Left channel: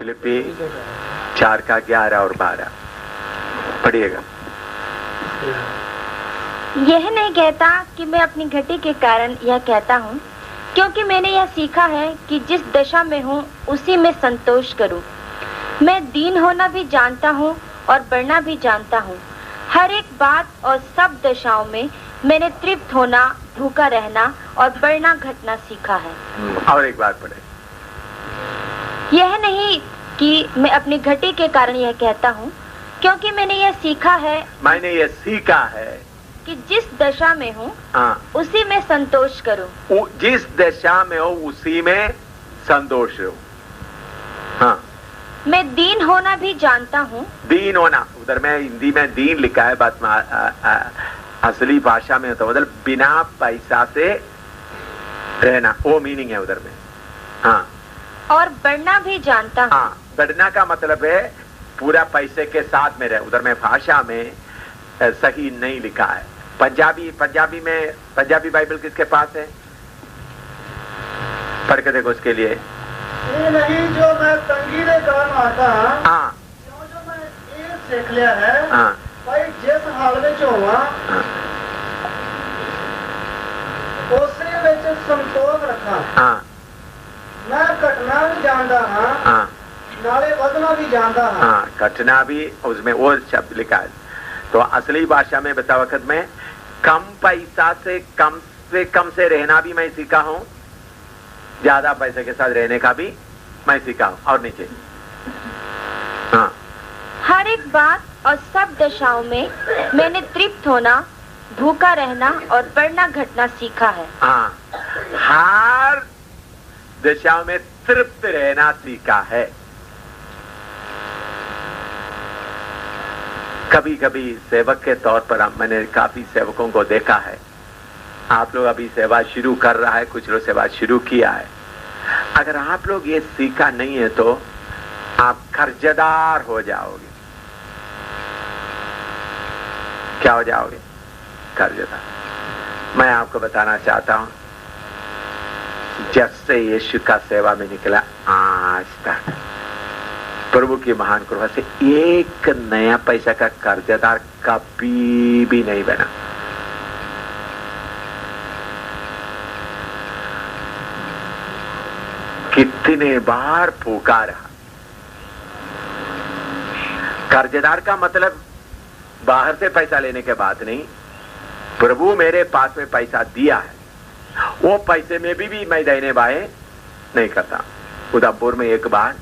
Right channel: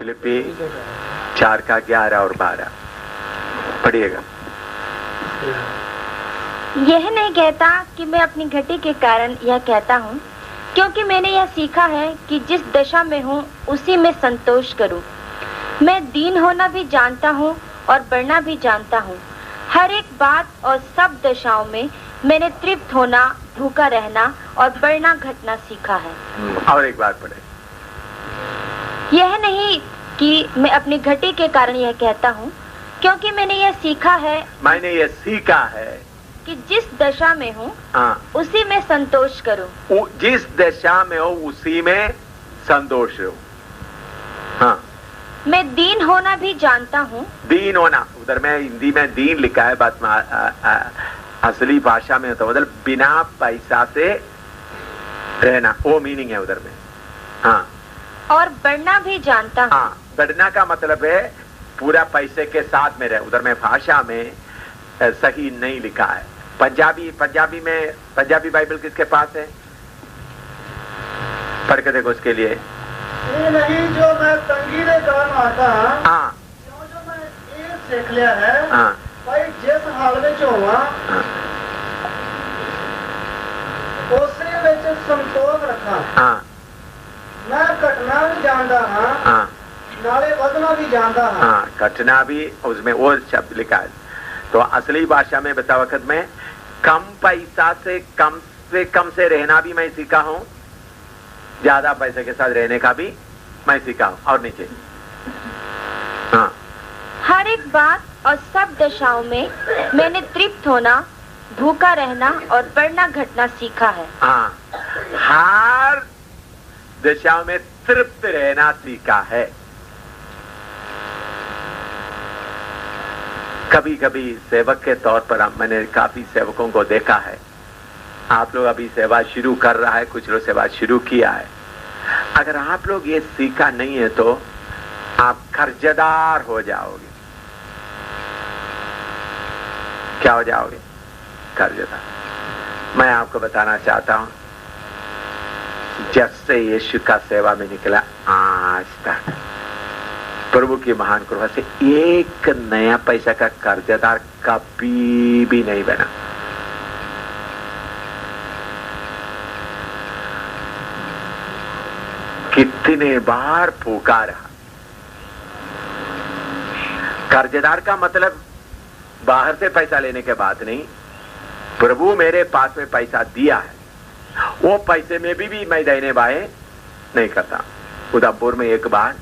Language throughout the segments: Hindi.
फिलिपी 4 का 11 और 12 पढ़िएगा। यह नहीं कहता कि मैं अपनी घटी के कारण यह कहता हूँ, क्योंकि मैंने यह सीखा है कि जिस दशा में हूँ उसी में संतोष करूँ। मैं दीन होना भी जानता हूँ और बढ़ना भी जानता हूँ। हर एक बात और सब दशाओं में मैंने तृप्त होना, भूखा रहना और बढ़ना घटना सीखा है। और एक बार पढ़े। यह नहीं कि मैं अपनी घटी के कारण यह कहता हूँ, क्योंकि मैंने यह सीखा है कि जिस दशा में हूँ उसी में संतोष करूँ। जिस दशा में हो उसी में संतोष हो। हाँ, मैं दीन होना भी जानता हूँ। दीन होना, उधर में हिंदी में दीन लिखा है, बात में असली भाषा में तो मतलब बिना पैसा से रहना, वो मीनिंग है उधर में। हाँ, और बढ़ना भी जानता हूँ। हाँ, बढ़ना का मतलब है पूरा पैसे के साथ में रहे। उधर में भाषा में सही नहीं लिखा है। पंजाबी में पंजाबी बाइबल किसके पास है? पढ़ के देखो उसके लिए। ये नहीं जो मैं तंगी के कारण आता। हाँ, जो मैं ये सीख लिया है। हाँ, भाई जिस हाल में होवा उसे ਵਿੱਚ संतोष रखा। हाँ, मैं घटना भी जानता हाँ। हाँ, नाले बदलना भी जानता हाँ। हाँ, घटना भी उसमें वो शब्द लिखा है। तो असली भाषा में बता वक्त में कम पैसा से कम से रहना भी मैं सीखा हूँ, ज्यादा पैसे के साथ रहने का भी मैं सीखा हूँ। और नीचे हाँ, हर एक बात और सब दशाओं में मैंने तृप्त होना, भूखा रहना और बढ़ना घटना सीखा है। हाँ, हर दशाओं में तृप्त रहना सीखा है। कभी कभी सेवक के तौर पर मैंने काफी सेवकों को देखा है। आप लोग अभी सेवा शुरू कर रहा है, कुछ लोग सेवा शुरू किया है। अगर आप लोग ये सीखा नहीं है तो आप कर्जदार हो जाओगे। क्या हो जाओगे? कर्जदार। मैं आपको बताना चाहता हूं, जब से यीशु का सेवा में निकला आज तक प्रभु की महान कृपा से एक नया पैसा का कर्जदार कभी भी नहीं बना। कितने बार फूका रहा। कर्जदार का मतलब बाहर से पैसा लेने के बाद नहीं, प्रभु मेरे पास में पैसा दिया है, वो पैसे में भी मैं देने बाएं नहीं करता। उदयपुर में एक बार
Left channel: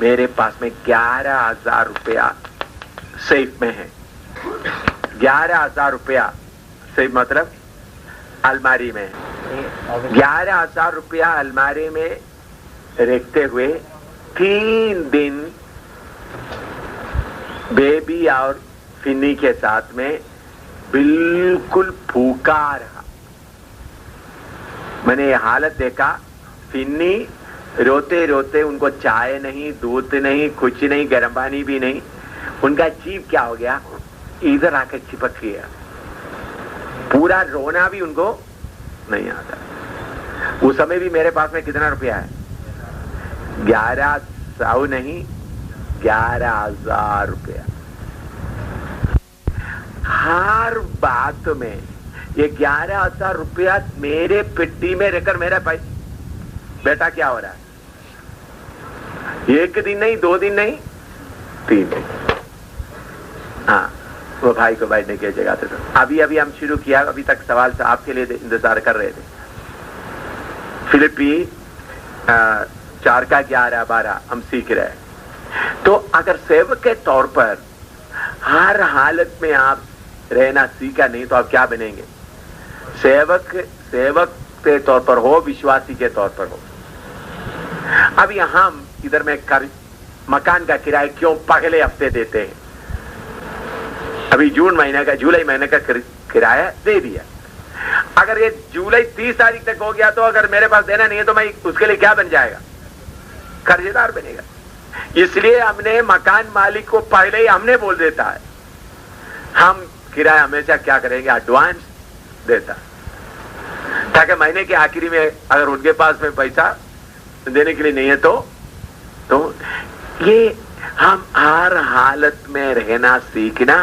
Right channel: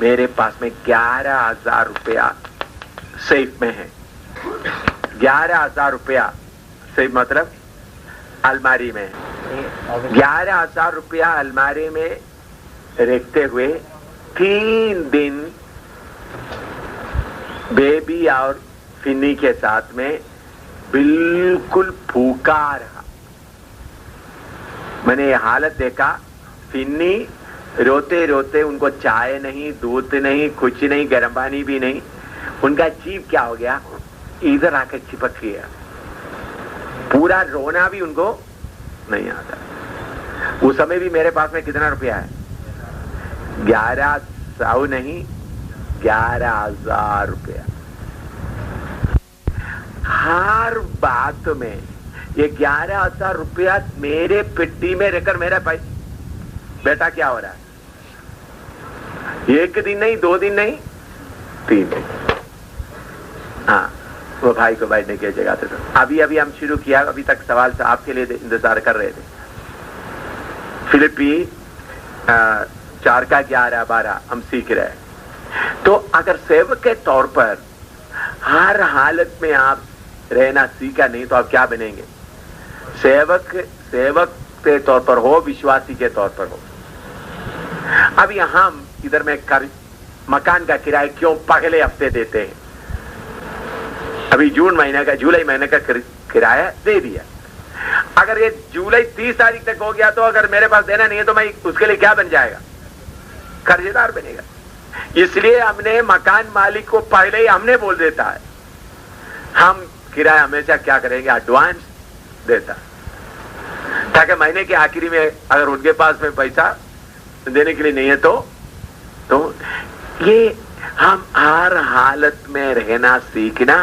मेरे पास में 11,000 रुपया सेफ में है। 11,000 रुपया सेफ मतलब अलमारी में। 11,000 रुपया अलमारी में रखते हुए 3 दिन बेबी और फिन्नी के साथ में बिल्कुल भूखा रहा। मैंने ये हालत देखा। फिन्नी रोते रोते, उनको चाय नहीं, दूध नहीं, कुछ नहीं, गर्म पानी भी नहीं, उनका जीव क्या हो गया, इधर आकर चिपक गया। पूरा रोना भी उनको नहीं आता। उस समय भी मेरे पास में कितना रुपया है? 1100 नहीं, 11,000 रुपया। हर बात में ये 11,000 रुपया मेरे पेटी में रहकर मेरा बेटा क्या हो रहा है? एक दिन नहीं, 2 दिन नहीं, 3 दिन। हाँ, वो भाई को बैठने की जगह थे। अभी हम शुरू किया, अभी तक सवाल से आपके लिए इंतजार कर रहे थे। फिलिपी 4 का 11, 12 हम सीख रहे हैं। तो अगर सेवक के तौर पर हर हालत में आप रहना सीखा नहीं तो आप क्या बनेंगे? सेवक के तौर पर हो, विश्वासी के तौर पर हो। अब यहां हम इधर में मकान का किराया क्यों पहले हफ्ते देते हैं? अभी जुलाई महीने का किराया दे दिया। अगर ये जुलाई 30 तारीख तक हो गया तो अगर मेरे पास देना नहीं है तो मैं उसके लिए क्या बन जाएगा? कर्जदार बनेगा। इसलिए हमने मकान मालिक को पहले ही हमने बोल देता है। हम किराया हमेशा क्या करेंगे? एडवांस देता, ताकि महीने के आखिरी में अगर उनके पास में पैसा देने के लिए नहीं है तो ये हम हर हालत में रहना सीखना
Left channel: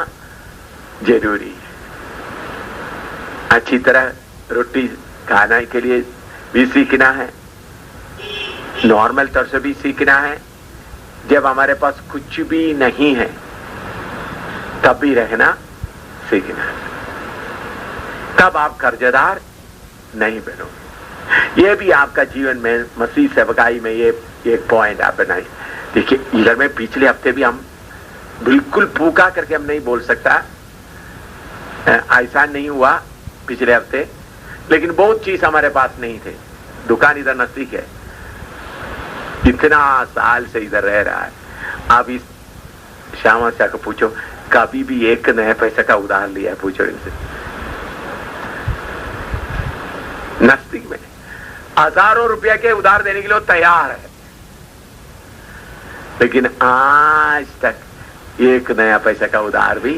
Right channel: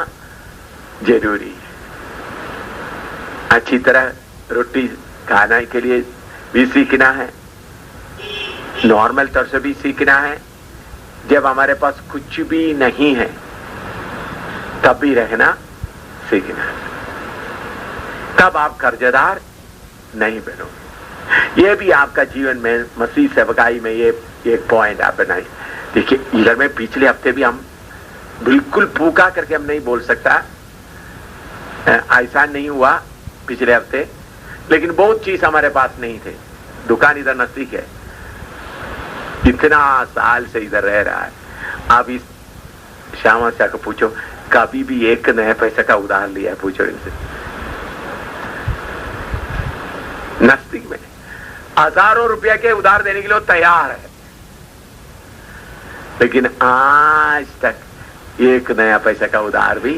जरूरी है। अच्छी तरह रोटी खाने के लिए भी सीखना है, नॉर्मल तौर से भी सीखना है। जब हमारे पास कुछ भी नहीं है तब भी रहना सीखना है, तब आप कर्जदार नहीं बनोगे। ये भी आपका जीवन में मसीह सेवकाई में ये एक पॉइंट आप बनाए। देखिए, इधर में पिछले हफ्ते भी हम बिल्कुल फूका करके हम नहीं बोल सकता, ऐसा नहीं हुआ पिछले हफ्ते, लेकिन बहुत चीज हमारे पास नहीं थे। दुकान इधर नजदीक है, इतना साल से इधर रह रहा है। आप इस श्यामा शाह को पूछो, कभी भी एक नया पैसे का उधार लिया है? पूछो इनसे। नजदीक में हजारों रुपया के उधार देने के लिए तैयार है, लेकिन आज तक एक नया पैसा का उधार भी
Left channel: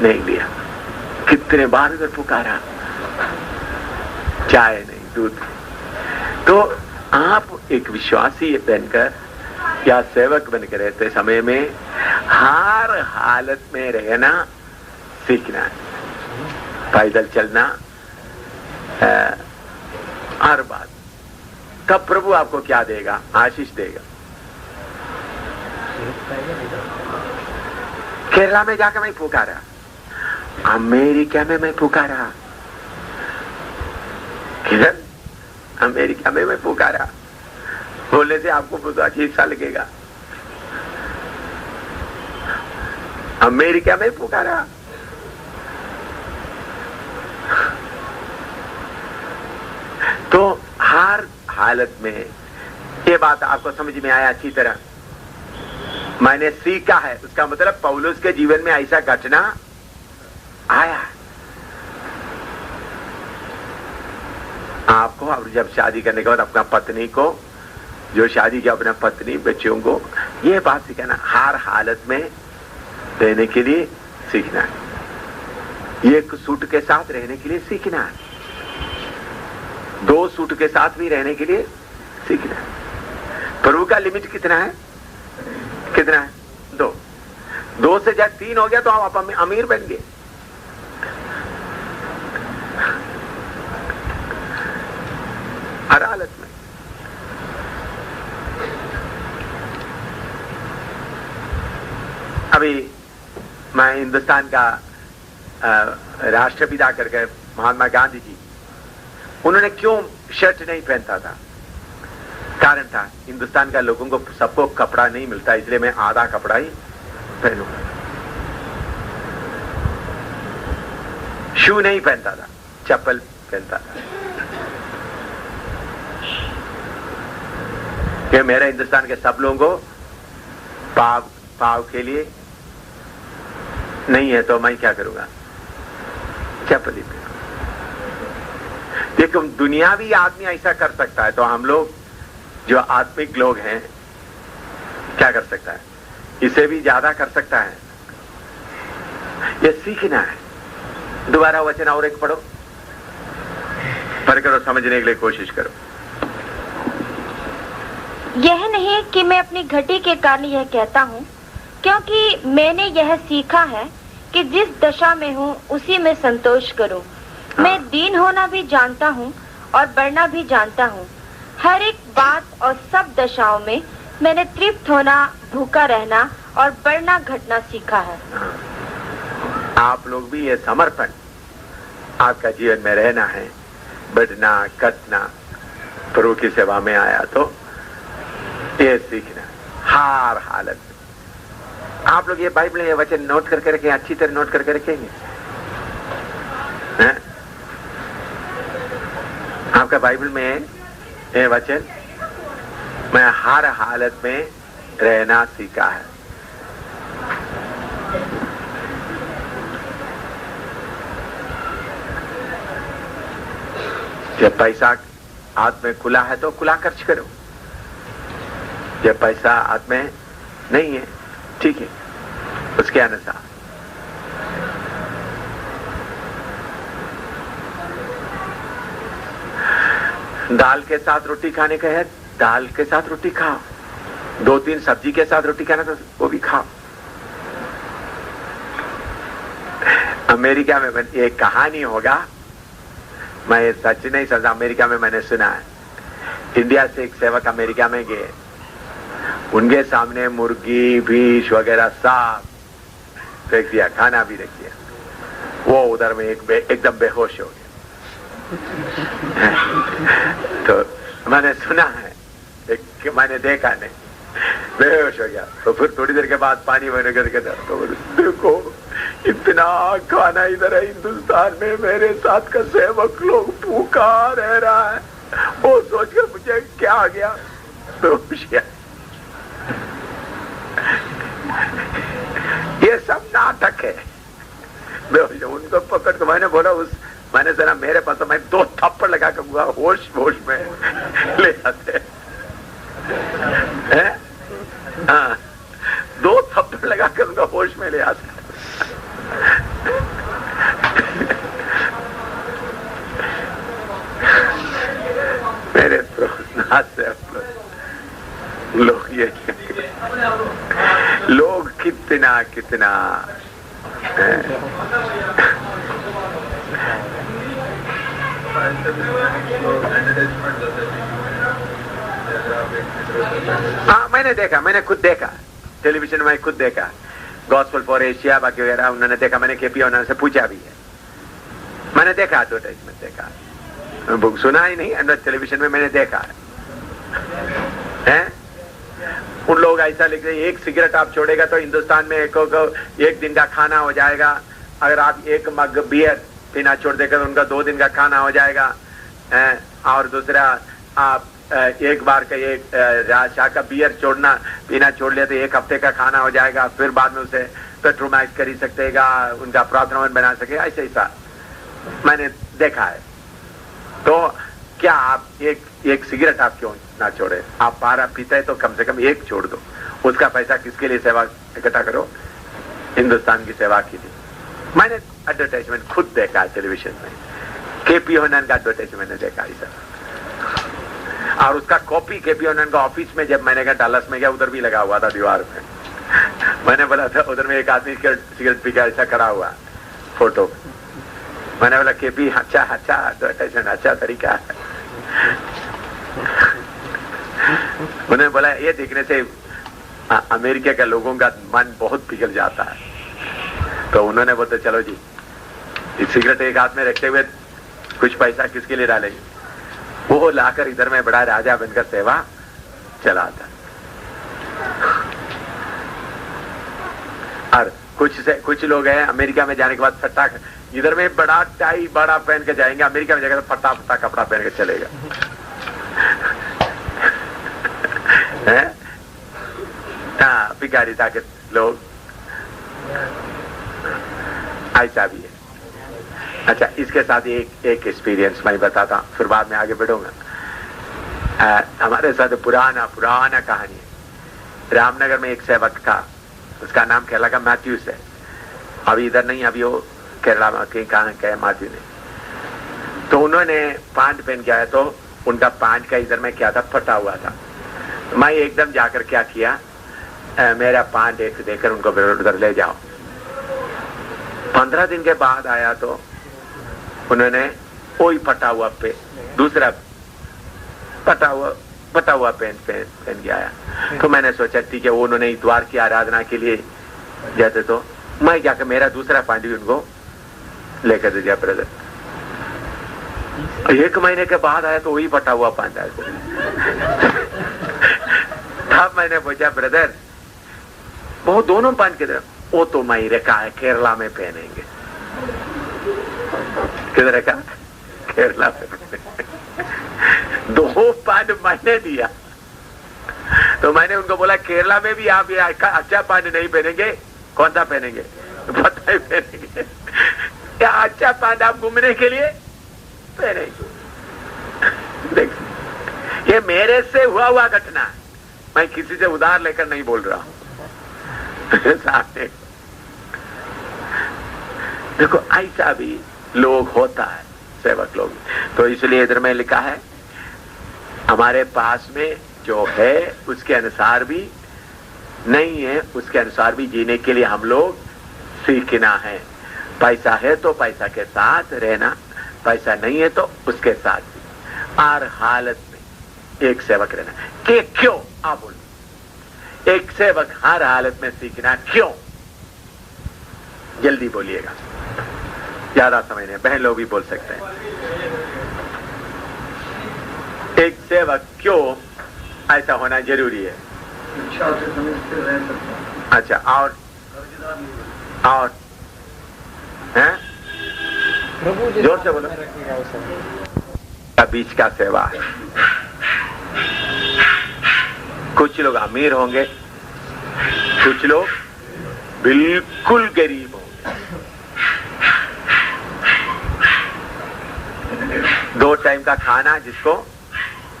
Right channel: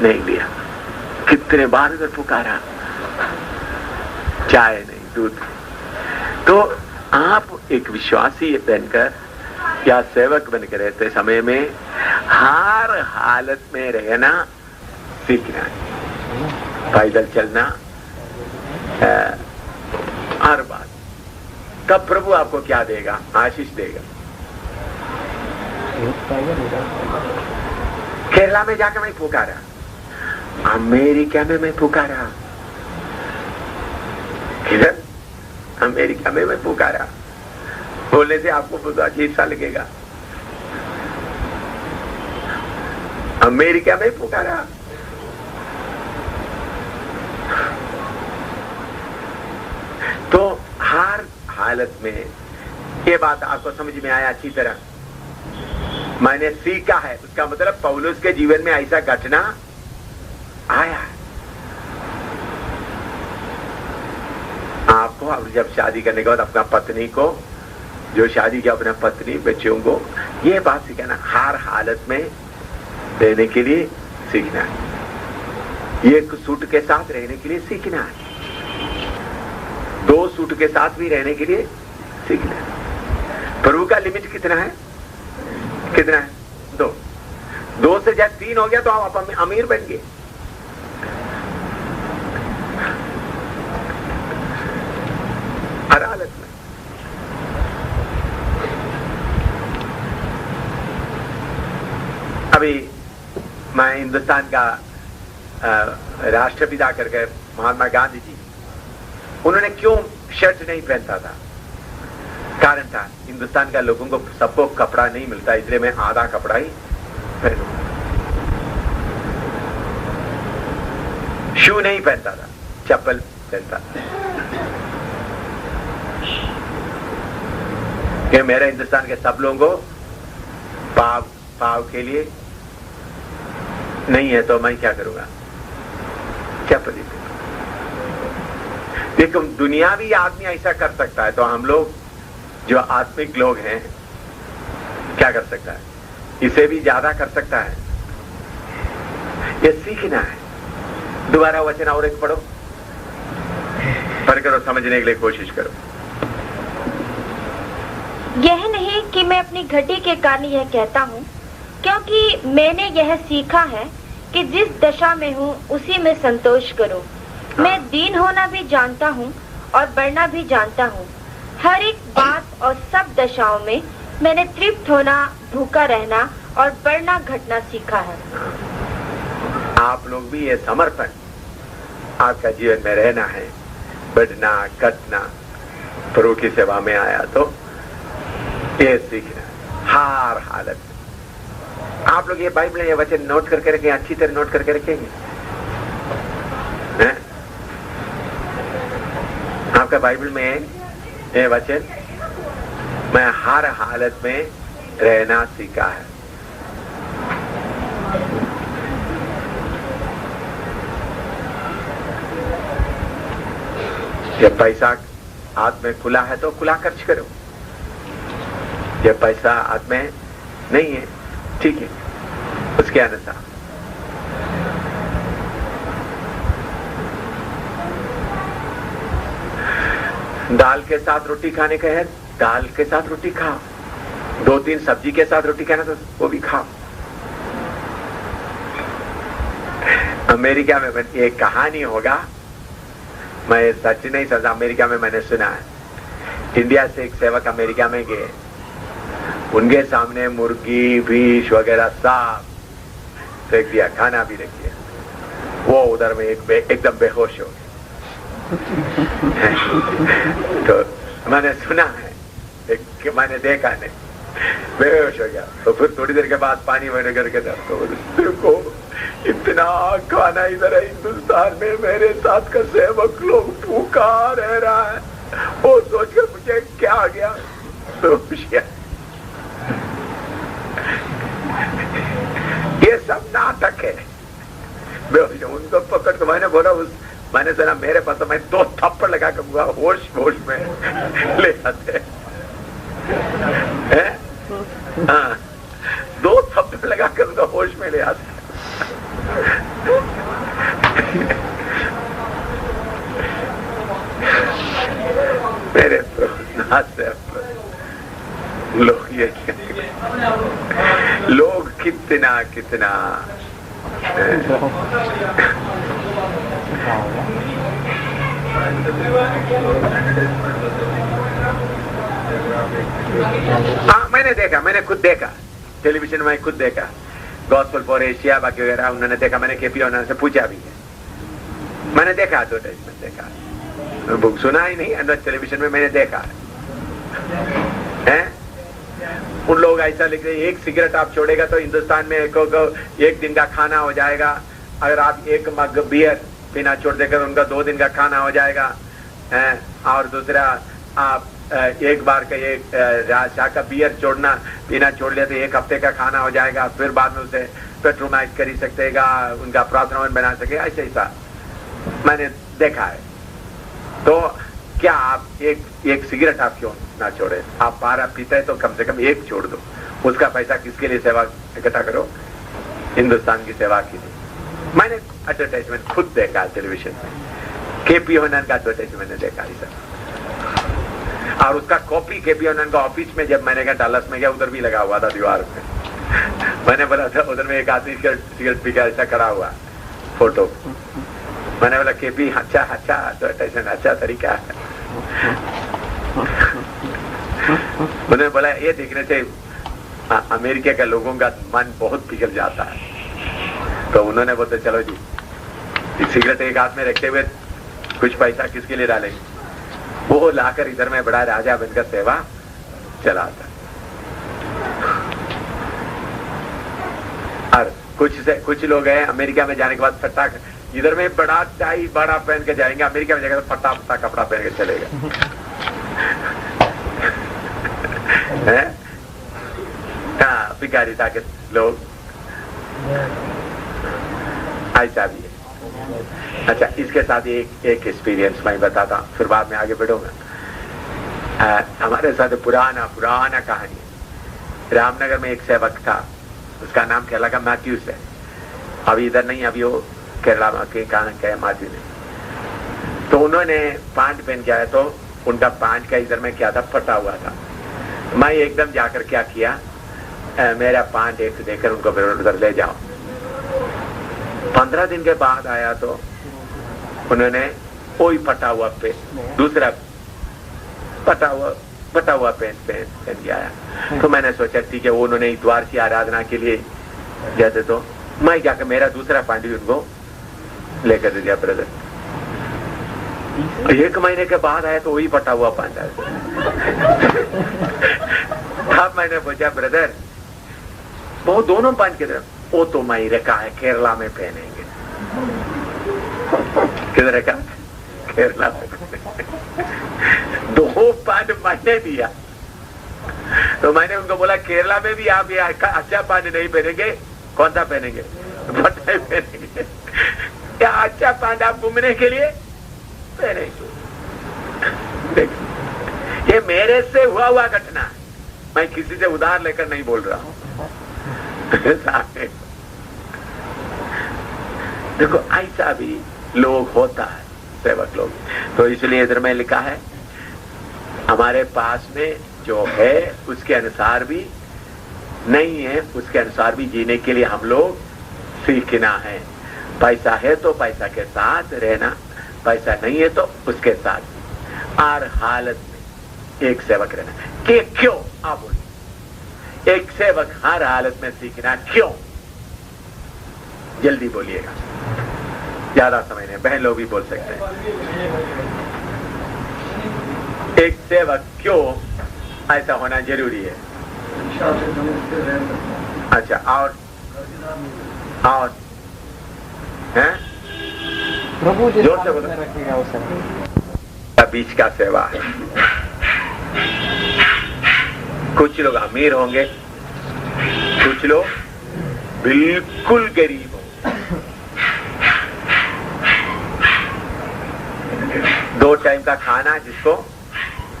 नहीं लिया। कितने बार इधर पुकारा, चाय नहीं, दूध नहीं। तो आप एक विश्वासी बनकर या सेवक बनकर रहते समय में हर हालत में रहना सीखना है। पैदल चलना, हर बात। कब प्रभु आपको क्या देगा? आशीष देगा। केरला में जाकर मैं पुकारा, अमेरिका में मैं पुकारा, किधर? अमेरिका में मैं पुकारा। बोलने से आपको बहुत अजीब सा लगेगा। अमेरिका में पुकारा। तो हर हालत में ये बात आपको समझ में आया अच्छी तरह? मैंने सीखा है, उसका मतलब पौलुस के जीवन में ऐसा घटना आया। आपको अब जब शादी करने के बाद अपना पत्नी को, जो शादी किया अपना पत्नी बच्चों को, ये बात सिखाना, हर हालत में रहने के लिए सीखना है। एक सूट के साथ रहने के लिए सीखना है, दो सूट के साथ भी रहने के लिए सीखना है। प्रभु का लिमिट कितना है? कितना है? दो से जब 3 हो गया तो आप अमीर बन गए। हर हालत में। अभी मैं हिंदुस्तान का राष्ट्रपिता करके महात्मा गांधी जी, उन्होंने क्यों शर्ट नहीं पहनता था? कारण था, हिंदुस्तान का लोगों को सबको कपड़ा नहीं मिलता, इसलिए मैं आधा कपड़ा ही पहनूं। शू नहीं पहनता था, चप्पल पहनता था। कि मेरे हिंदुस्तान के सब लोगों को पाव के लिए नहीं है तो मैं क्या करूंगा? चप्पल ही। देखो, दुनियावी आदमी ऐसा कर सकता है, तो हम लोग जो आत्मिक लोग हैं क्या कर सकता है? इसे भी ज्यादा कर सकता है। ये सीखना है। दोबारा वचन और एक पढ़ो, पढ़कर और समझने के लिए कोशिश करो। यह नहीं कि मैं अपनी घटी के कारण यह कहता हूँ, क्योंकि मैंने यह सीखा है कि जिस दशा में हूँ उसी में संतोष करो। मैं दीन होना भी जानता हूँ और बढ़ना भी जानता हूँ। हर एक बात और सब दशाओं में मैंने तृप्त होना, भूखा रहना और बढ़ना घटना सीखा है। आप लोग भी ये समर्पण आपका जीवन में रहना है, बढ़ना घटना, प्रभु की सेवा में आया तो ये सीखना हर हालत में। आप लोग ये बाइबल में ये वचन नोट करके रखें, अच्छी तरह नोट करके रखेंगे। आपका बाइबल में ये वचन, मैं हर हालत में रहना सीखा है। जब पैसा हाथ में खुला है तो खुला खर्च करो, जब पैसा हाथ में नहीं है ठीक है, उसके अनुसार। दाल के साथ रोटी खाने का है, दाल के साथ रोटी खाओ। 2-3 सब्जी के साथ रोटी खाना था, वो भी खाओ। अमेरिका में एक कहानी होगा, मैं सच नहीं समझा, अमेरिका में मैंने सुना है। इंडिया से एक सेवक अमेरिका में गए, उनके सामने मुर्गी फिश वगैरह सब फेंक दिया, खाना भी रख दिया। वो उधर में एकदम बेहोश हो तो मैंने सुना है, मैंने देखा नहीं, बेहोश हो गया। तो फिर थोड़ी देर के बाद पानी वगैरह करके तो देखो इतना खाना इधर है हिंदुस्तान में, मेरे साथ का सेवक लोग भूखा रह रहा है। वो सोच के मुझे क्या आ गया, ये सब नाटक है। उनको पकड़ के मैंने बोला, मैंने सुना मेरे पास तो मैं 2 थप्पड़ लगा कर होश होश में ले आते हैं। हाँ, 2 थप्पड़ लगा कर उनका होश में ले आते। मेरे लोग ये लोग कितना हाँ, मैंने खुद देखा, टेलीविजन में खुद देखा, गॉस्पेल फॉर एशिया बाकी वगैरह उन्होंने देखा, मैंने केपी उन्होंने से पूछा भी है, मैंने देखा एडवर्टाइजमेंट देखा, बुक सुना ही नहीं, अंदर टेलीविजन में मैंने देखा है। उन लोग ऐसा लिखते हैं, 1 सिगरेट आप छोड़ेगा तो हिंदुस्तान में एक दिन का खाना हो जाएगा। अगर आप 1 मग बियर पीना छोड़ देगा तो उनका 2 दिन का खाना हो जाएगा। और दूसरा, आप एक बार का एक चाह का बियर पीना छोड़ लिया तो 1 हफ्ते का खाना हो जाएगा। फिर बाद में उसे पेट्रोमाइज कर ही सकेगा, उनका प्रावधान बना सकेगा, ऐसा मैंने देखा है। तो क्या आप एक सिगरेट आप क्यों ना छोड़े? आप 12 पीते हैं तो कम से कम 1 छोड़ दो। उसका पैसा किसके लिए सेवा इकट्ठा करो? हिंदुस्तान की सेवा के लिए। मैंने एडवर्टाइजमेंट खुद देखा है टेलीविजन में, केपी ओनन का एडवर्टाइजमेंट मैंने देखा इधर, और उसका कॉपी केपी ओनन का ऑफिस में जब मैंने गया डलस में गया, उधर भी लगा हुआ था दीवार में। मैंने बोला था उधर में एक आदमी सिगरेट पी कर ऐसा खड़ा हुआ फोटो, मैंने बोला केपी अच्छा एडवर्टाइजमेंट अच्छा तरीका है। उन्होंने बोला ये देखने से अमेरिका के लोगों का मन बहुत पिघल जाता है। तो उन्होंने बोला चलो जी, एक सिगरेट एक हाथ में रखे हुए कुछ पैसा किसके लिए डालेंगे? वो लाकर इधर में बड़ा राजा बनकर सेवा चलाता। और कुछ लोग हैं अमेरिका में जाने के बाद फट्टा, इधर में बड़ा टाई बड़ा पहन के जाएंगे, अमेरिका में जाएगा तो पट्टा कपड़ा पहन के चलेगा। हाँ, भिखारिता के लोग ऐसा भी है। अच्छा, इसके साथ एक एक्सपीरियंस मैं बताता, फिर बाद में आगे बढ़ूंगा। हमारे साथ पुराना कहानी है। रामनगर में एक सेवक था, उसका नाम केरला का मैथ्यूस है। अभी इधर नहीं, अभी वो केरला में कहाँ क्या मैथ्यू नहीं। तो उन्होंने पैंट पहन के आया, तो उनका पैंट का इधर में क्या था, फटा हुआ था। मैं एकदम जाकर क्या किया, मेरा पैंट एक देकर उनको उधर ले जाओ। 15 दिन के बाद आया तो उन्होंने कोई फटा हुआ दूसरा फटा हुआ पहन के आया। तो मैंने सोचा ठीक है, वो उन्होंने इतवार की आराधना के लिए जाते, तो मैं जाकर मेरा दूसरा पैंट भी उनको लेकर दे दिया ब्रदर। 1 महीने के बाद आया तो वही फटा हुआ पैंट आया। तब मैंने पूछा ब्रदर, वो दोनों पैंट किधर? वो तो मैं रखा है केरला में पहनेंगे। किधर रखा? केरला में। 2 पैंट मैंने दिया। तो मैंने उनको बोला केरला में भी आप ये अच्छा पैंट नहीं पहनेंगे, कौन सा पहनेंगे? फटा ही पहनेंगे। क्या अच्छा पैंट आप घूमने के लिए पहनेंगे? देख, ये मेरे से हुआ घटना है, मैं किसी से उधार लेकर नहीं बोल रहा हूं। देखो ऐसा भी लोग होता है, सेवक लोग। तो इसलिए इधर में लिखा है, हमारे पास में जो है उसके अनुसार भी नहीं है, उसके अनुसार भी जीने के लिए हम लोग सीखना है। पैसा है तो पैसा के साथ रहना, पैसा नहीं है तो उसके साथ हर हालत में एक सेवक रहना। कि क्यों? आप बोलो, एक सेवक हर हालत में सीखना क्यों? जल्दी बोलिएगा, ज्यादा समय नहीं, बहन लोग भी बोल सकते हैं। एक सेवक क्यों ऐसा होना जरूरी है? अच्छा, और हैं? प्रभु जोर से बोलो। रखेगा उसे। बीच का सेवा है। कुछ लोग अमीर होंगे, कुछ लोग बिल्कुल गरीब होंगे। 2 टाइम का खाना जिसको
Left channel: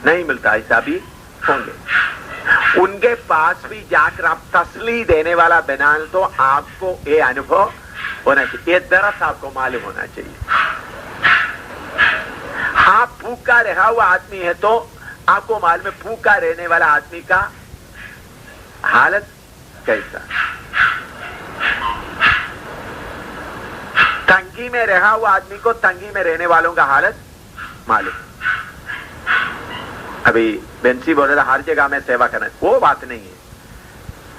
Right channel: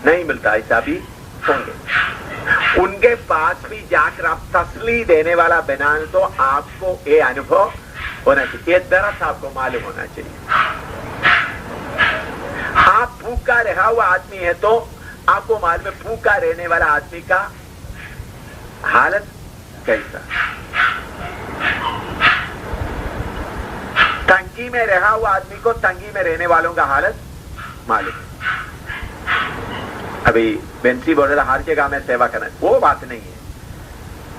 नहीं मिलता ऐसा भी होंगे। उनके पास भी जाकर आप तसल्ली देने वाला बना तो आपको ये अनुभव होना चाहिए, ये दरस आपको मालूम होना चाहिए। आप भूखा रहा हुआ आदमी है तो आपको मालूम है भूखा रहने वाला आदमी का हालत कैसा। तंगी में रहा हुआ आदमी को तंगी में रहने वालों का हालत मालूम है। अभी बेंसी बोल रहा था हर जगह में सेवा करना, वो बात नहीं है।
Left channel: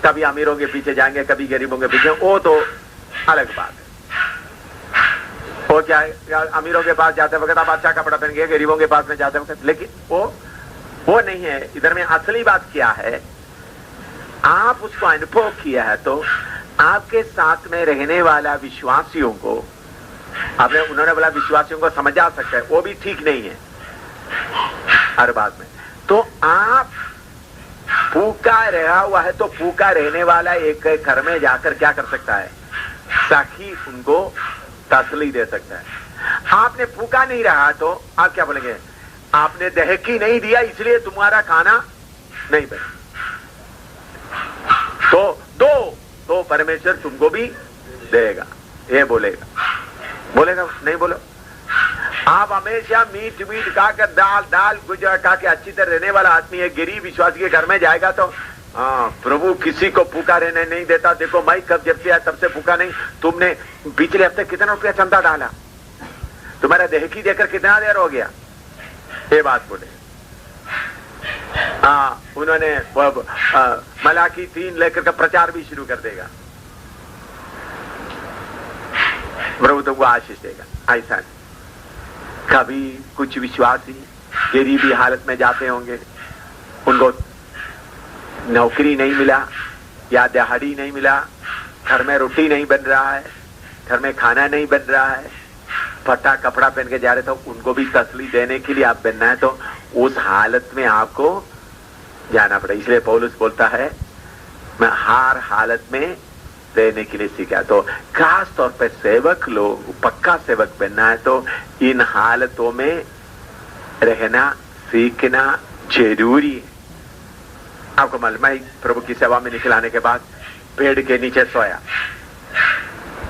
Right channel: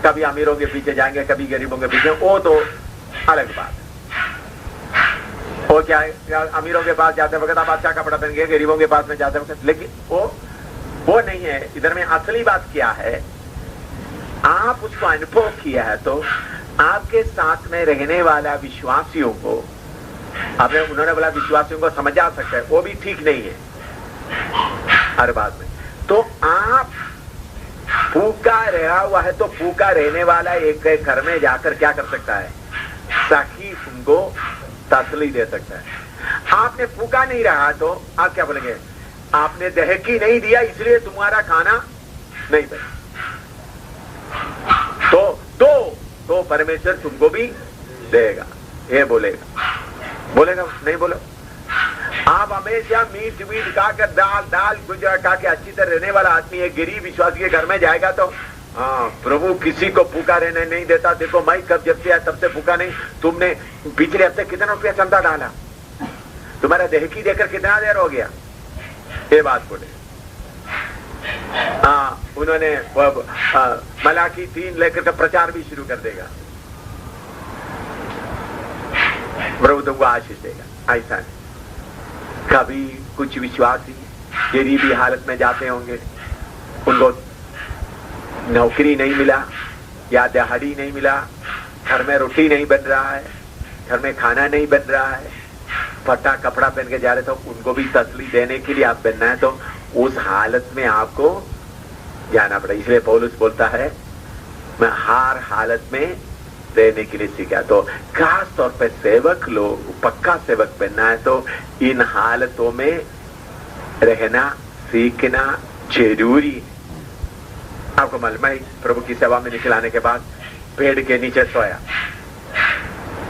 कभी अमीरों के पीछे जाएंगे, कभी गरीबों के पीछे, वो तो अलग बात है। वो क्या है, अमीरों के पास जाते वक्त आप अच्छा कपड़ा पहन गए, गरीबों के पास में जाते वक्त, लेकिन वो नहीं है। इधर में असली बात क्या है, आप उसको अनुभव किया है तो आपके साथ में रहने वाला विश्वासियों को आपने, उन्होंने बोला विश्वासियों को समझा सकता है, वो भी ठीक नहीं है हर बात में। तो आप भूखा रहा हुआ है तो भूखा रहने वाला एक घर में जाकर क्या कर सकता है, ताकि उनको तसल्ली दे सकता है। आपने भूखा नहीं रहा तो आप क्या बोलेंगे, आपने दहकी नहीं दिया इसलिए तुम्हारा खाना नहीं बना। तो परमेश्वर तुमको भी देगा, ये बोलेगा नहीं बोलो। आप हमेशा मीट खाकर दाल गुजरा खा के अच्छी तरह रहने वाला आदमी है, गरीब विश्वासी के घर में जाएगा तो प्रभु किसी को भूखा रहने नहीं देता। देखो मैं जब से तब से भूखा नहीं। तुमने पिछले हफ्ते कितना रुपया चंदा डाला, तुम्हारा दहकी देकर कितना देर हो गया, ये बात बोले। उन्होंने मलाकी 3 लेकर का प्रचार भी शुरू कर देगा, प्रभु तुमको आशीष देगा। ऐसा नहीं, कभी कुछ विश्वासी गरीबी हालत में जाते होंगे, उनको नौकरी नहीं मिला या दिहाड़ी नहीं मिला, घर में रोटी नहीं बन रहा है, घर में खाना नहीं बन रहा है, फटा कपड़ा पहन के जा रहे, तो उनको भी तसल्ली देने के लिए आप बनना है तो उस हालत में आपको जाना पड़ेगा। इसलिए पौलुस बोलता है मैं हर हालत में रहने के लिए सीखा। तो खास तौर पर सेवक लोग पक्का सेवक बनना है तो इन हालतों में रहना सीखना जरूरी है। आपको मालूम है प्रभु की सेवा में निकल आने के बाद पेड़ के नीचे सोया,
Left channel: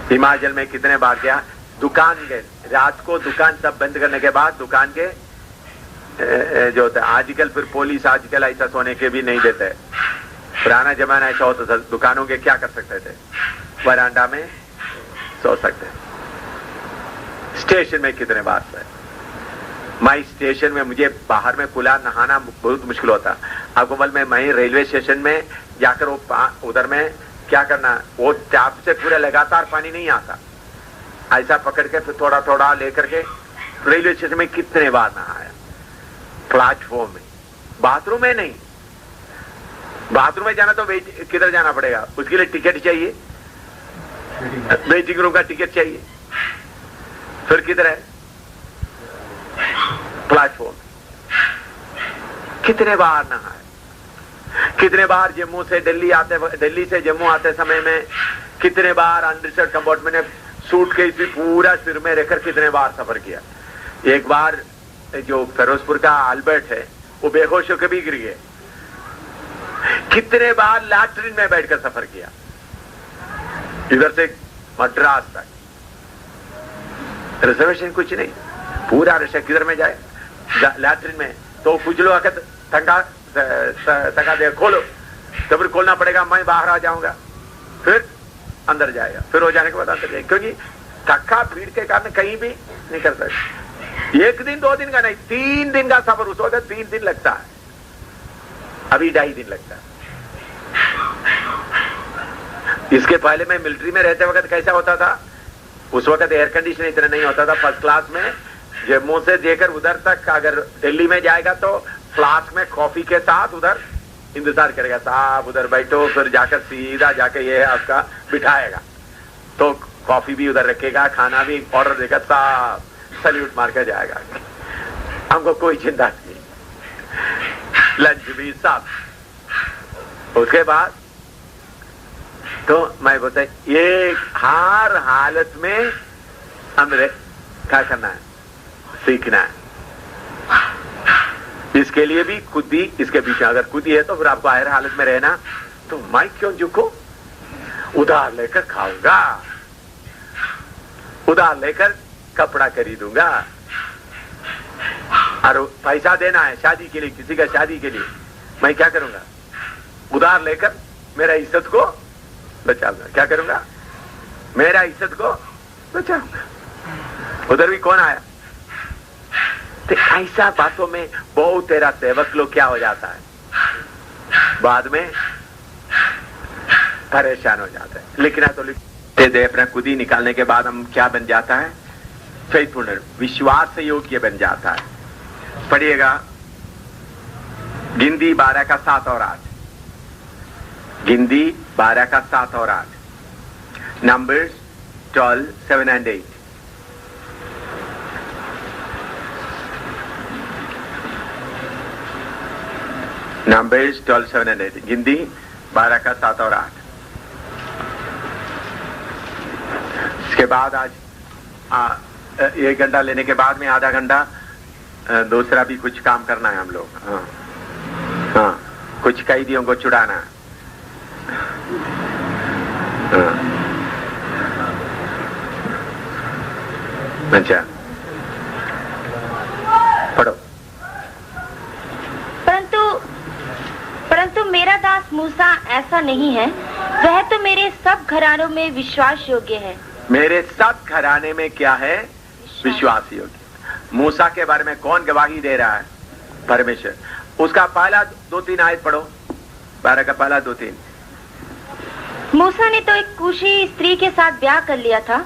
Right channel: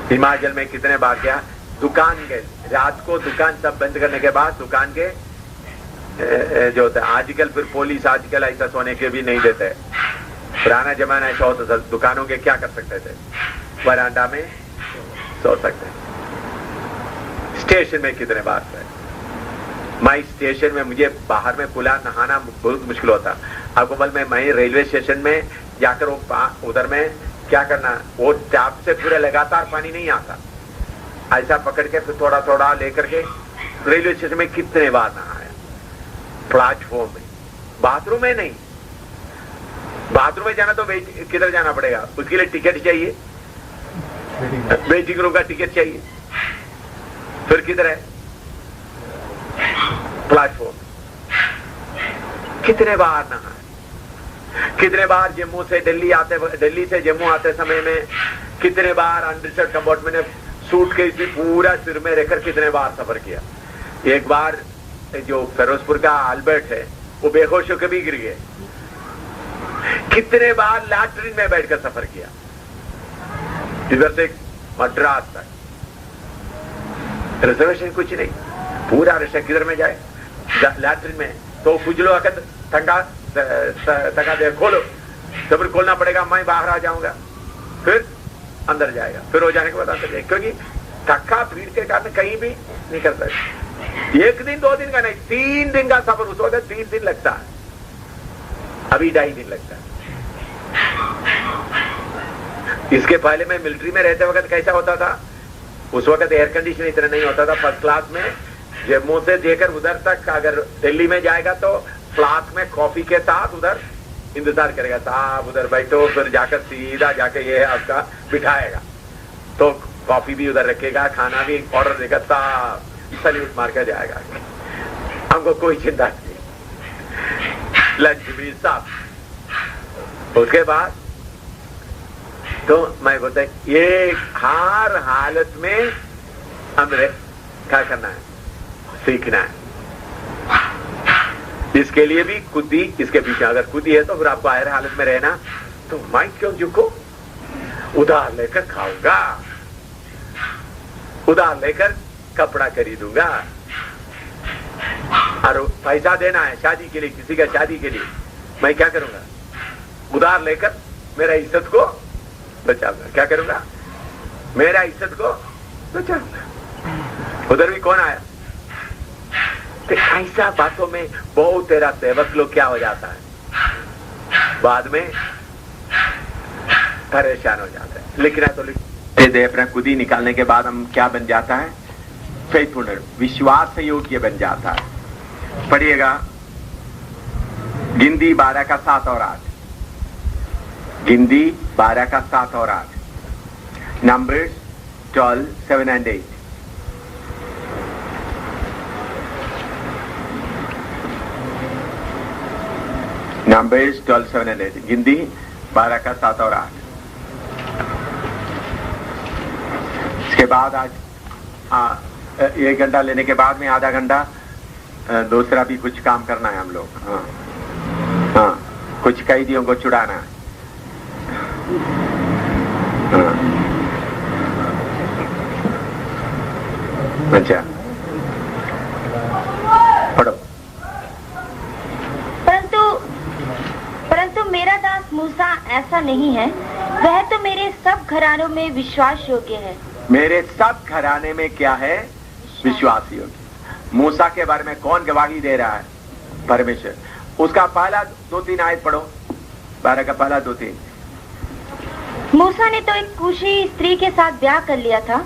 हिमाचल में कितने बार गया, दुकान गए, रात को दुकान सब बंद करने के बाद दुकान के जो होता है, आजकल फिर पुलिस आजकल ऐसा सोने के भी नहीं देते। पुराना जमाना ऐसा होता था, दुकानों के क्या कर सकते थे, वरांडा में सो सकते। स्टेशन में कितने बार सोए, मैं स्टेशन में मुझे बाहर में खुला नहाना बहुत मुश्किल होता। आपको बल में मैं रेलवे स्टेशन में जाकर वो उधर में क्या करना, वो टैप से पूरा लगातार पानी नहीं आता, ऐसा पकड़ के फिर थोड़ा थोड़ा लेकर के रेलवे स्टेशन में कितने बार नहाया। प्लेटफॉर्म में, बाथरूम में नहीं, बाथरूम में जाना तो किधर जाना पड़ेगा, उसके लिए टिकट चाहिए, वेटिंग रूम का टिकट चाहिए, फिर किधर है प्लेटफॉर्म। कितने बार नहाए, कितने बार जम्मू से दिल्ली आते, दिल्ली से जम्मू आते समय में कितने बार अंडरस्टैंड कंपार्टमेंट में सूटकेस भी पूरा सिर में रखकर कितने बार सफर किया। एक बार जो फिरोजपुर का अल्बर्ट है वो बेहोश होकर भी गिर गए। कितने बार लैट्रिन में बैठकर सफर किया, इधर से मद्रास तक, रिजर्वेशन कुछ नहीं, पूरा रश किधर में जाए लैट्रिन में, तो खुजलो आकर ठंडा थका दे, खोलो, तो फिर खोलना पड़ेगा, मैं बाहर आ जाऊंगा, फिर अंदर जाएगा, फिर हो जाने के बाद अंदर जाएगा, क्योंकि थका भीड़ के कारण कहीं भी नहीं कर सकते। 1 दिन 2 दिन का नहीं, 3 दिन का सफर, उस वक्त 3 दिन लगता है, अभी 2.5 दिन लगता है। इसके पहले मैं मिलिट्री में रहते वक्त कैसा होता था, उस वक्त एयर कंडीशन इतना नहीं होता था। फर्स्ट क्लास में जम्मू से जेकर उधर तक अगर दिल्ली में जाएगा तो फ्लास्क में कॉफी के साथ उधर इंतजार करेगा, साहब उधर बैठो, फिर जाकर सीधा जाकर ये आपका बिठाएगा, तो कॉफी भी उधर रखेगा, खाना भी ऑर्डर देगा, साहब सल्यूट मार कर जाएगा, हमको कोई चिंता नहीं, लंच भी सब। उसके बाद तो मैं बोलता ये हर हालत में हमें क्या करना है, सीखना है। इसके लिए भी खुद ही इसके पीछे अगर खुद ही है तो फिर आप बाहर हालत में रहना, तो मैं क्यों झुको, उधार लेकर खाऊंगा, उधार लेकर कपड़ा खरीदूंगा, और पैसा देना है शादी के लिए, किसी का शादी के लिए, मैं क्या करूंगा, उधार लेकर मेरा इज्जत को बचाऊंगा, क्या करूंगा, मेरा इज्जत को बचाऊंगा। उधर भी कौन आया, तो ऐसा बातों में बहुत तेरा सेवक लोग क्या हो जाता है, बाद में परेशान हो जाता है। लिखना तो लिख दे, अपना खुद ही निकालने के बाद हम क्या बन जाता है, चैतन्य विश्वास योग्य बन जाता है। पढ़िएगा गिनती 12 का 7 और 8, गिनती 12 का 7 और 8, नंबर्स 12, 7 and 8। नंबर्स 12, 7 and 8, गिनती 12 का 7 और 8। इसके बाद आज 1 घंटा लेने के बाद में आधा घंटा दूसरा भी कुछ काम करना है हम लोग। हाँ, कुछ कैदियों को छुड़ाना। अच्छा पढ़ो। परंतु मेरा दास मूसा ऐसा नहीं है, वह तो मेरे सब घरानों में विश्वास योग्य है। मेरे सब घराने में क्या है, विश्वास योग्य। मूसा के बारे में कौन गवाही दे रहा है, परमेश्वर। उसका पहला 2-3 आयत पढ़ो, 12 का पहला 2-3। मूसा ने तो एक कूशी स्त्री के साथ ब्याह कर लिया था,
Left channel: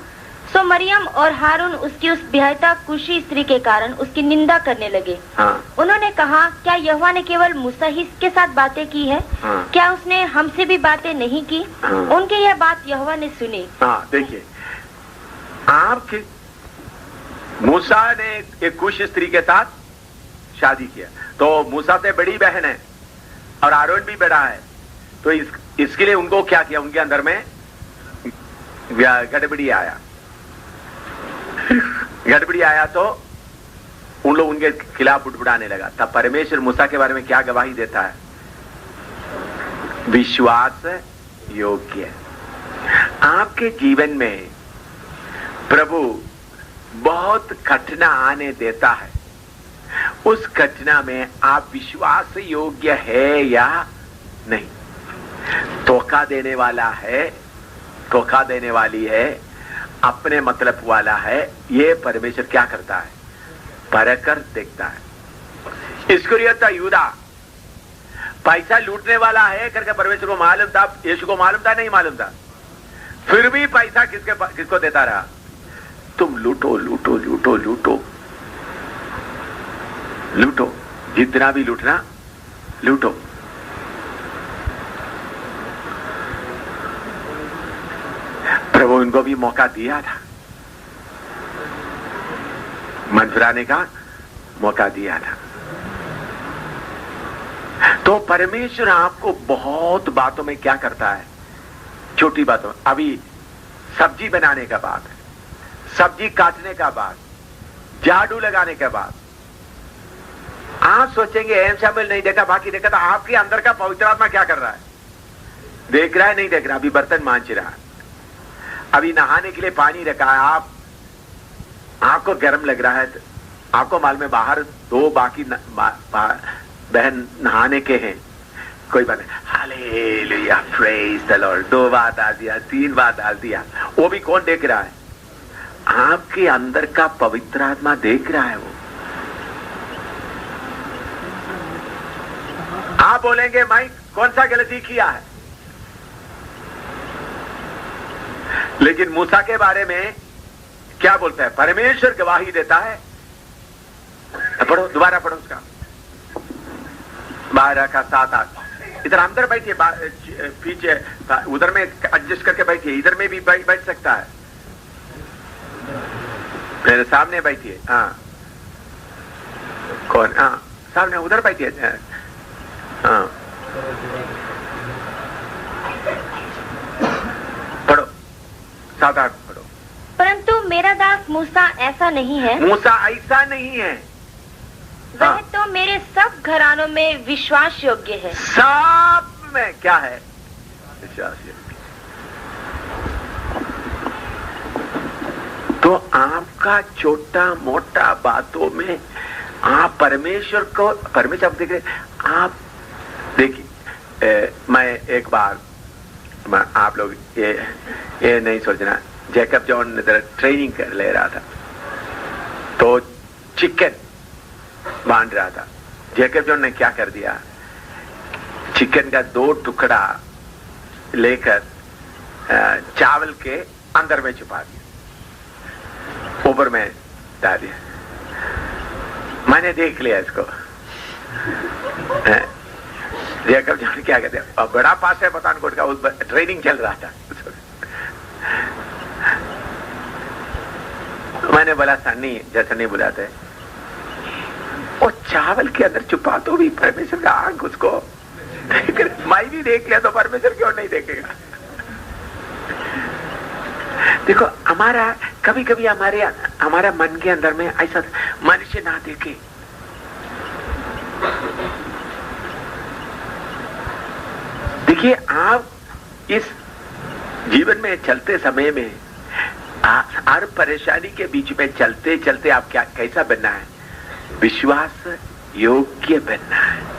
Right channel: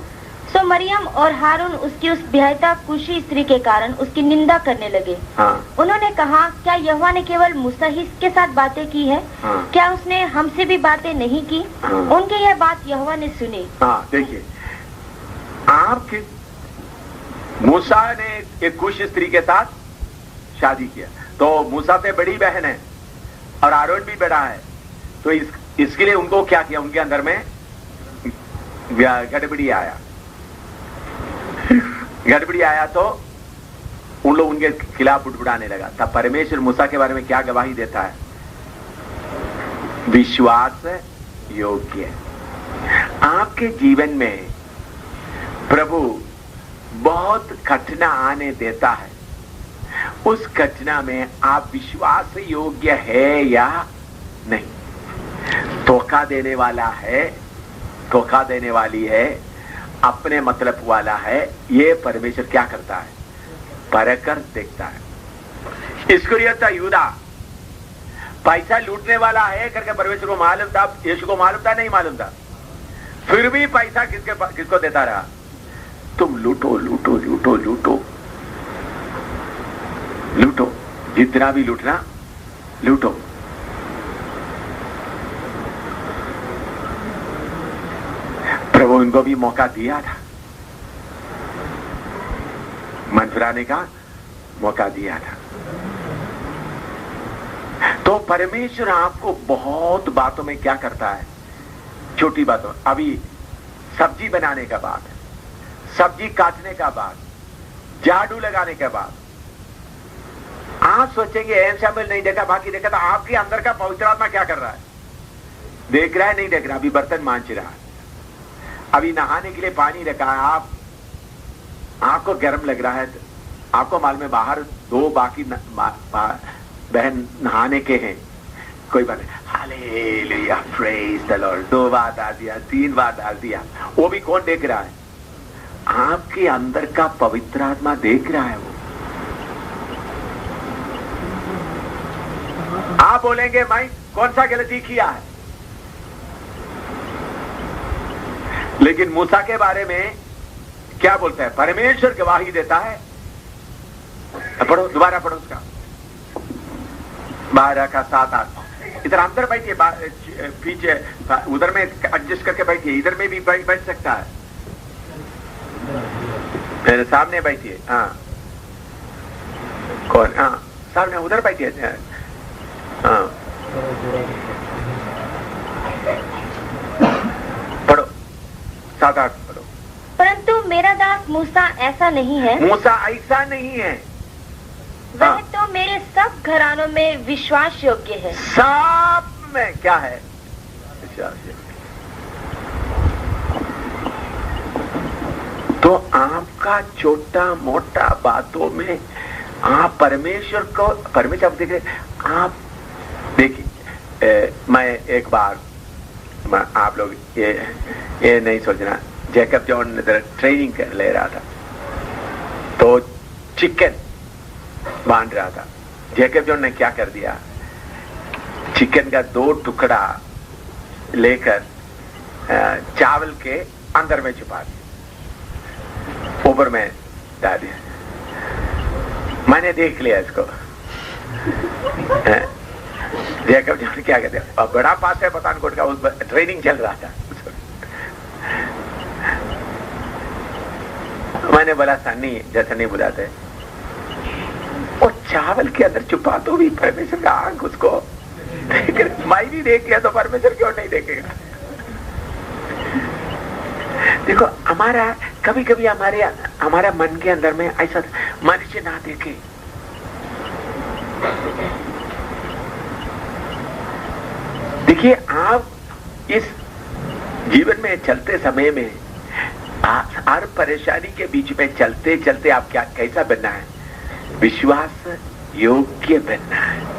सो मरियम और हारून उसकी उस ब्याहता कूशी स्त्री के कारण उसकी निंदा करने लगे। हाँ। उन्होंने कहा, क्या यहोवा ने केवल मूसा ही के साथ बातें की है? हाँ। क्या उसने हमसे भी बातें नहीं की? हाँ। उनकी यह बात यहोवा ने सुनी। हाँ, देखिए आपके मूसा ने एक कुश स्त्री के साथ शादी किया, तो मूसा से बड़ी बहन है और आरोन भी बड़ा है, तो इसके लिए उनको क्या किया, उनके अंदर में गड़बड़ी आया। गड़बड़ी आया तो उन लोग उनके खिलाफ उठबुड़ाने लगा। तब परमेश्वर मूसा के बारे में क्या गवाही देता है, विश्वास योग्य। आपके जीवन में प्रभु बहुत घटना आने देता है, उस घटना में आप विश्वास योग्य है या नहीं। धोखा देने वाला है, धोखा देने वाली है, अपने मतलब वाला है, ये परमेश्वर क्या करता है, परख कर देखता है। इस्करियोत यूदा पैसा लूटने वाला है करके परमेश्वर को मालूम था, यीशु को मालूम था, नहीं मालूम था, फिर भी पैसा किसको देता रहा, तुम लूटो लूटो लूटो लूटो लूटो, जितना भी लूटना लूटो। प्रभु इनको भी मौका दिया था, मन फिराने का मौका दिया था। तो परमेश्वर आपको बहुत बातों में क्या करता है, छोटी बातों, अभी सब्जी बनाने का बाद, सब्जी काटने का बाद, झाड़ू लगाने के बाद आप सोचेंगे शामिल नहीं देखा, बाकी देखा, तो आपके अंदर का पवित्र आत्मा क्या कर रहा है, देख रहा है नहीं देख रहा। अभी बर्तन मांज रहा है, अभी नहाने के लिए पानी रखा है, आपको गर्म लग रहा है, आपको मालूम है बाहर 2 बाकी बहन नहाने के हैं, कोई बात नहीं, हालेलुया प्रेज द लॉर्ड, 2 बार डाल दिया, 3 बार डाल दिया, वो भी कौन देख रहा है? आपके अंदर का पवित्र आत्मा देख रहा है। वो आप बोलेंगे भाई कौन सा गलती किया है, लेकिन मूसा के बारे में क्या बोलता है? परमेश्वर गवाही देता है। पढ़ो, दोबारा पढ़ो उसका 12 का 7 8। इधर अंदर बैठिए, पीछे उधर में एडजस्ट करके बैठिए, इधर में भी बैठ सकता है, मेरे सामने बैठिए। हाँ कौन? हाँ सामने उधर बैठिए। हाँ पढ़ो 7 8 पढ़ो। परंतु मेरा दास मूसा ऐसा नहीं है। मूसा ऐसा नहीं है। वह तो मेरे सब घरानों में विश्वास योग्य है। सब में क्या है? विश्वास योग्य। तो आपका छोटा मोटा बातों में आप परमेश्वर को, परमेश्वर आप देख रहे, आप देखिए, मैं एक बार, आप लोग ये नहीं सोचना, जैकब जॉन इधर ट्रेनिंग कर ले रहा था, तो चिकन बांध रहा था। जैकब जॉन ने क्या कर दिया? चिकन का 2 टुकड़ा लेकर चावल के अंदर में छुपा दिया, ऊपर में डाल दिया। मैंने देख लिया इसको। जैकब जॉन क्या कहते हैं, और बड़ा पास है पठानकोट का, उस ट्रेनिंग चल रहा था। मैंने बोला सन्नी, जैसा नहीं बुलाते, और चावल के अंदर छुपा तो भी परमेश्वर का आंख उसको, मैं भी देख लिया तो परमेश्वर क्यों नहीं देखेगा? देखो, हमारा कभी कभी हमारा मन के अंदर में ऐसा मनुष्य ना देखे। देखिए, आप इस जीवन में चलते समय में हर परेशानी के बीच में चलते चलते आप क्या कैसा बनना है? विश्वास योग्य बनना है।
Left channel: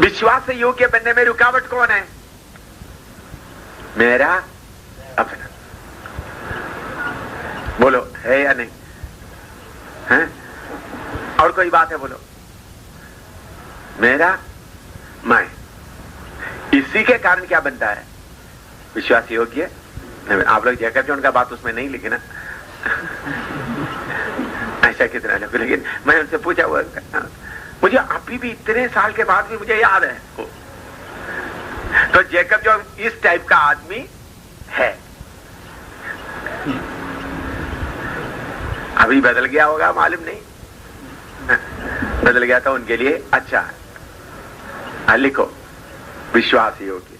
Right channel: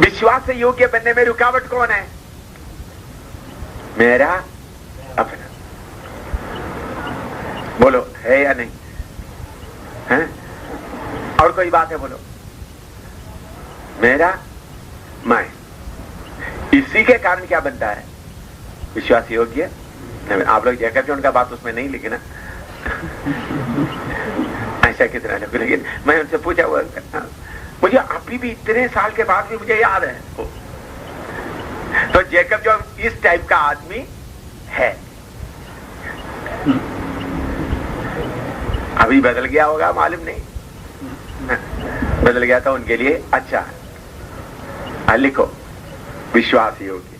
विश्वास से योग्य बनने में रुकावट कौन है? मेरा अपना। बोलो, है या नहीं है? और कोई बात है? बोलो, मेरा मैं। इसी के कारण क्या बनता है? विश्वास योग्य। आप लोग जैकब जॉन का बात उसमें नहीं लिखे ना, ऐसा कितना लोग, लेकिन मैं उनसे पूछा हुआ, मुझे अभी भी इतने साल के बाद भी मुझे याद है। तो जैकब जॉन इस टाइप का आदमी है। अभी बदल गया होगा, मालूम नहीं, बदल गया तो उनके लिए अच्छा। लिखो, विश्वास योग्य।